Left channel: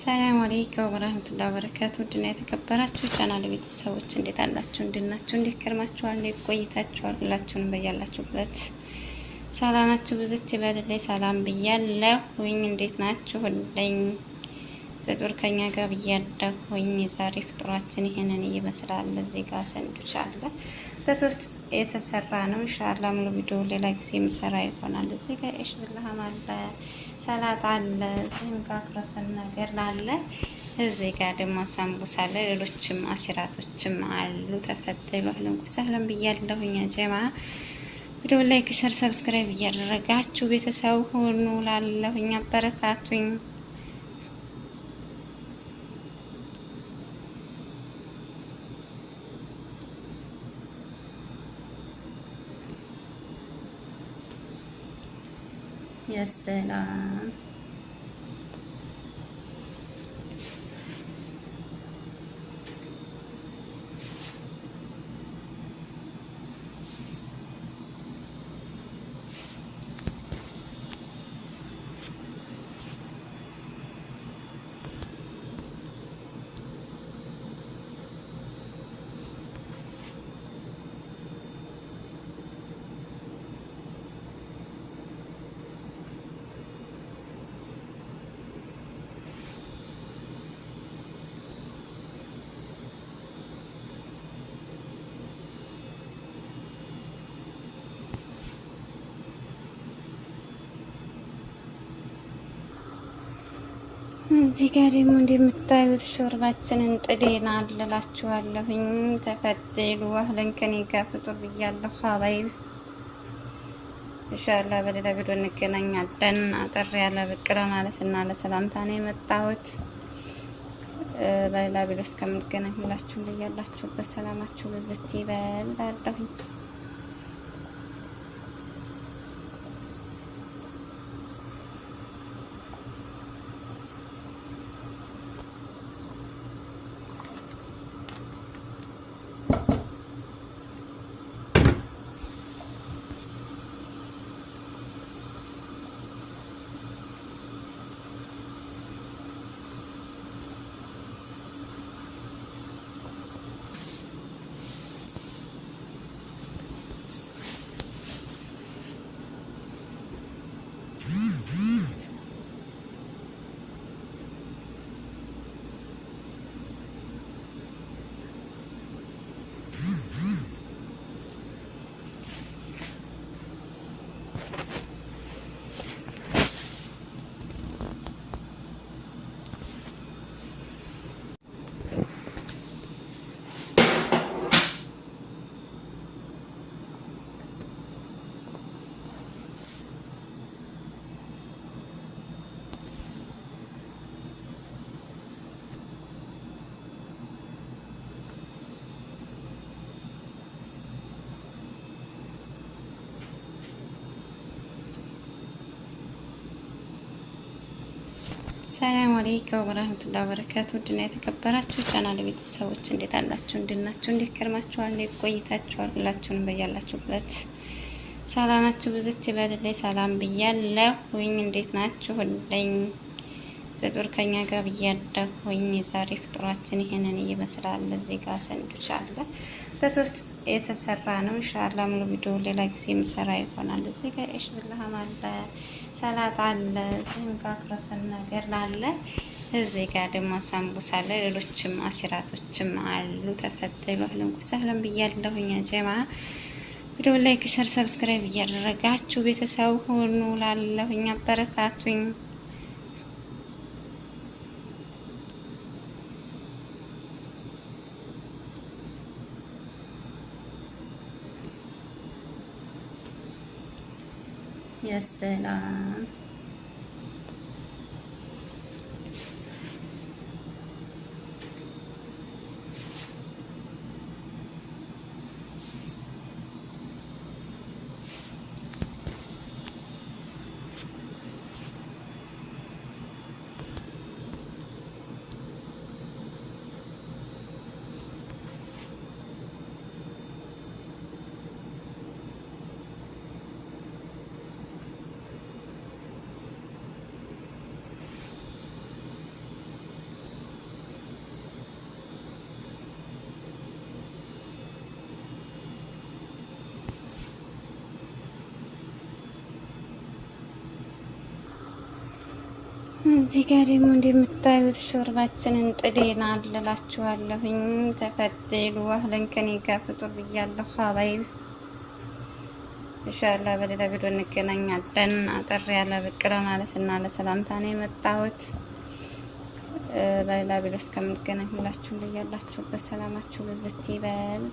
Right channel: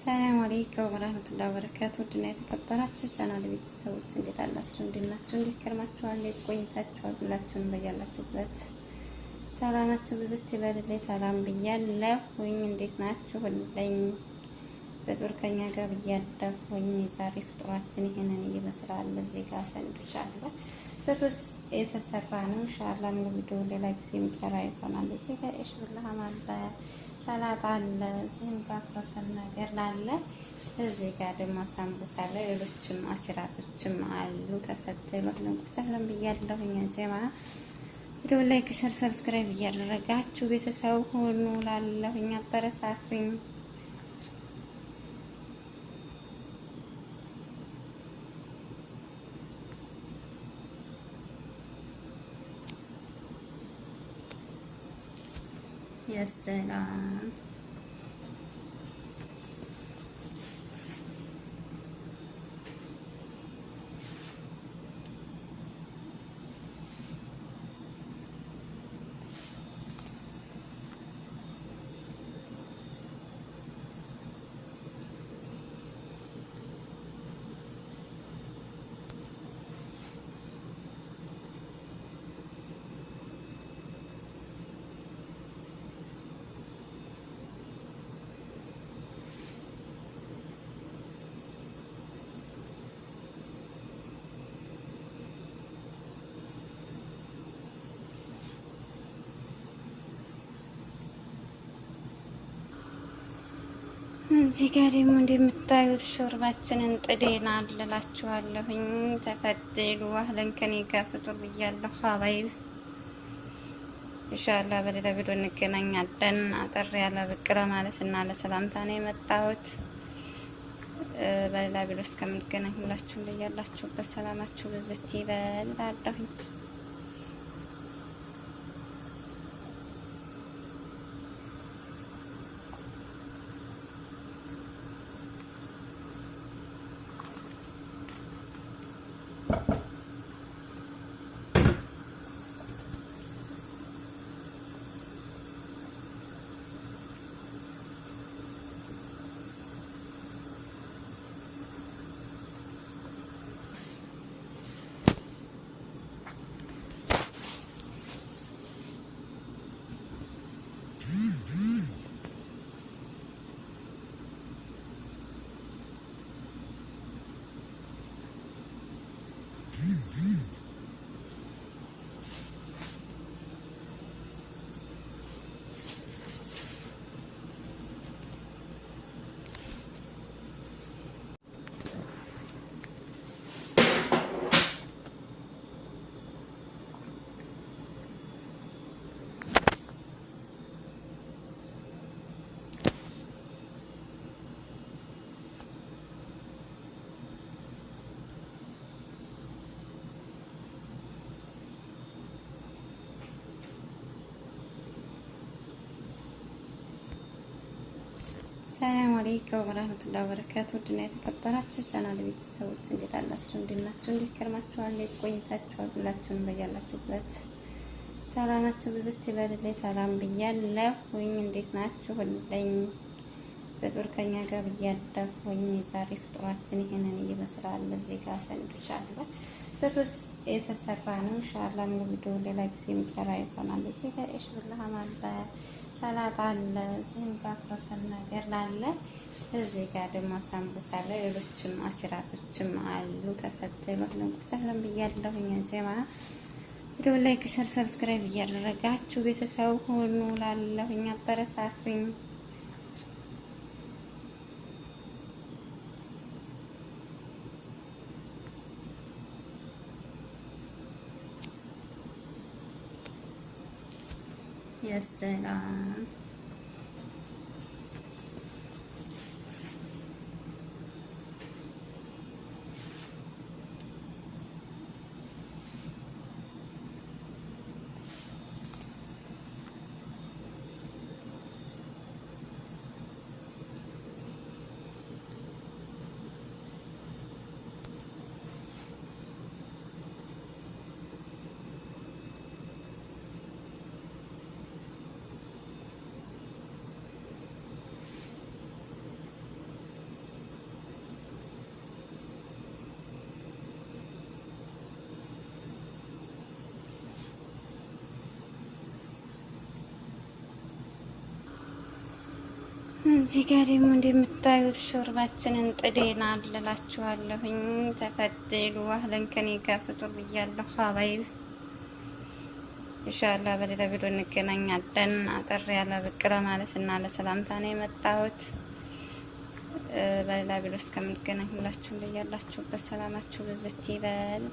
ሰላም አለይኩም ወራህመቱላሂ ወበረካቱ። ድና የተከበራችሁ ቻናል ቤተሰቦች እንዴት አላችሁ? እንድናችሁ እንዴት ከርማችኋል? እንዴት ቆይታችኋል? ሁላችሁንም በያላችሁበት ሰላማችሁ ብዝት ይበልልኝ። ሰላም ብያለሁኝ። እንዴት ናችሁ? ሁለኝ ፍጡር ከኛ ጋር ብያለሁኝ። የዛሬ ፍጡራችን ይሄንን ይመስላል። እዚህ ጋር ሰንዱች አለ በቶስት የተሰራ ነው። ኢንሻአላህ ሙሉ ቪዲዮ ሌላ ጊዜ የምሰራ ይሆናል። እዚህ ጋር እሺ ብለሃም አለ ሰላጣ አለ። እዚህም ጋር ክሮሰን ነገር አለ። እዚህ ጋር ደግሞ ሳምቡሳ አለ። ሌሎችም አሲራቶችም አሉ። ተፈትሉ አህለን ወሰህለን ብያለሁኝ። ጀማ ቪዲዮ ላይክ፣ ሸር፣ ሰብስክራይብ እያደረጋችሁ ቤተሰብ ሆኑ ላለሁኝ አበረታቱኝ። የሰላም እዚህ ጋር ደግሞ እንደምታዩት ሾርባችንን ጥዴናል እላችኋለሁኝ። ተፈትሉ አህለን ከኔ ጋር ፍጡር ብያለሁ። ሀባይብ ኢንሻአላህ በሌላ ቪዲዮ እንገናኛለን። አጠር ያለ ብቅ ለማለት እና ለሰላምታ ነው የመጣሁት። በሌላ ቪዲዮ እስከምንገናኝ ሁላችሁም በያላችሁበት ሰላማችሁ ብዝት ይበል እላለሁኝ። ሰላም አለይኩም ወራህመቱላሂ ወበረካቱ። ድና የተከበራችሁ ቻናል ቤተሰቦች እንዴት አላችሁ? እንድናችሁ እንዴት ከርማችኋል? እንዴት ቆይታችኋል? ሁላችሁንም በያላችሁበት ሰላማችሁ ብዝት ይበልልኝ። ሰላም ብያለሁኝ። እንዴት ናችሁ? ሁለኝ ፍጡር ከኛ ጋር ብያለሁኝ። የዛሬ ፍጡራችን ይሄንን ይመስላል። እዚህ ጋር ሰንዱች አለ በቶስት የተሰራ ነው። ኢንሻአላህ ሙሉ ቪዲዮ ሌላ ጊዜ የምሰራ ይሆናል። እዚህ ጋር እሺ ብለሃም አለ ሰላጣ አለ። እዚህም ጋር ክሮሰን ነገር አለ። እዚህ ጋር ደግሞ ሳምቡሳ አለ። ሌሎችም አሲራቶችም አሉ። ተፈትሉ አህለን ወሰህለን ብያለሁኝ። ጀማ ቪዲዮ ላይክ፣ ሸር፣ ሰብስክራይብ እያደረጋችሁ ቤተሰብ ሆኑ ላለሁኝ አበረታቱኝ። የሰላም እዚህ ጋር ደግሞ እንደምታዩት ሾርባችንን ጥደናል እላችኋለሁኝ። ተፈደሉ አህለን ከኔ ጋር ፍጡር ብያለሁ። ሀባይ ኢንሻአላህ በሌላ ቪዲዮ እንገናኛለን። አጠር ያለ ብቅረ ማለት እና ለሰላምታ ነው የመጣሁት። በሌላ ቪዲዮ እስከምንገናኝ ሁላችሁም በያላችሁበት ሰላማችሁ ብዝት ይበል።